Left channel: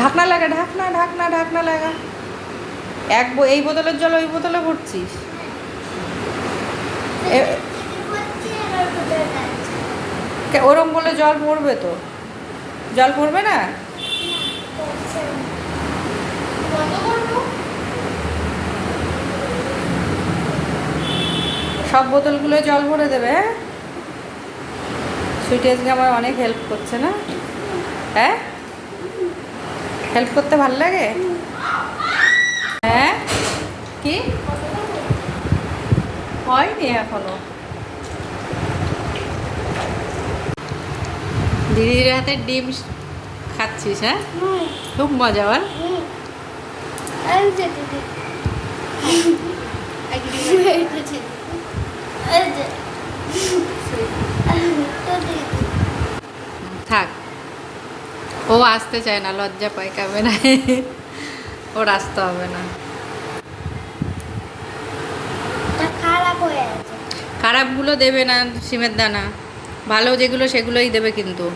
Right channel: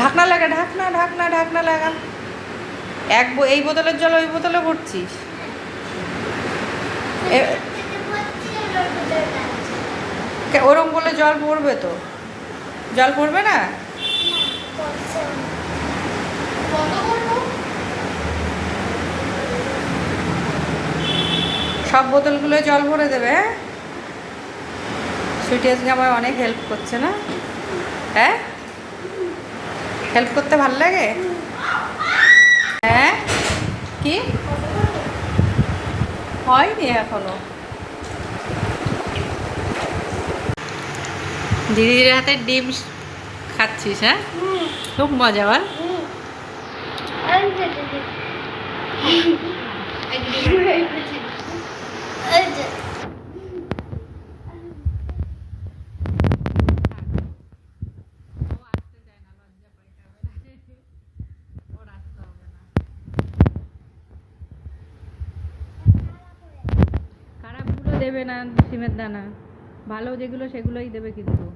ঢাকনা লাগা, ঢাকনা ঢাকনা ঢাকনা লাগা। এই বোতলের জল ওই বোতলে ভরছিস? ওরম বলে জল পড়বে তো? জল পড়বে না? সব বোতলগুলো জল ভরে দেবে। হ্যাঁ, সুইটি আজকে আমার অনেক হেল্প করছে না? হ্যাঁ, হেল্প করতে ভালো লাগে? হ্যাঁ, কি হয়নি এখনো? দিদির হাতে ডিম খাচ্ছিস? হ্যাঁ, খুব মজা। বল। থাক, ও আসতে চায় না, লজ্জা পায় ক্যামেরায়। ওর আসতে হবে না। খারাপগুলো দেবে না সিমের দানা, ভালো যেগুলো সেগুলোই দেবে কিন্তু।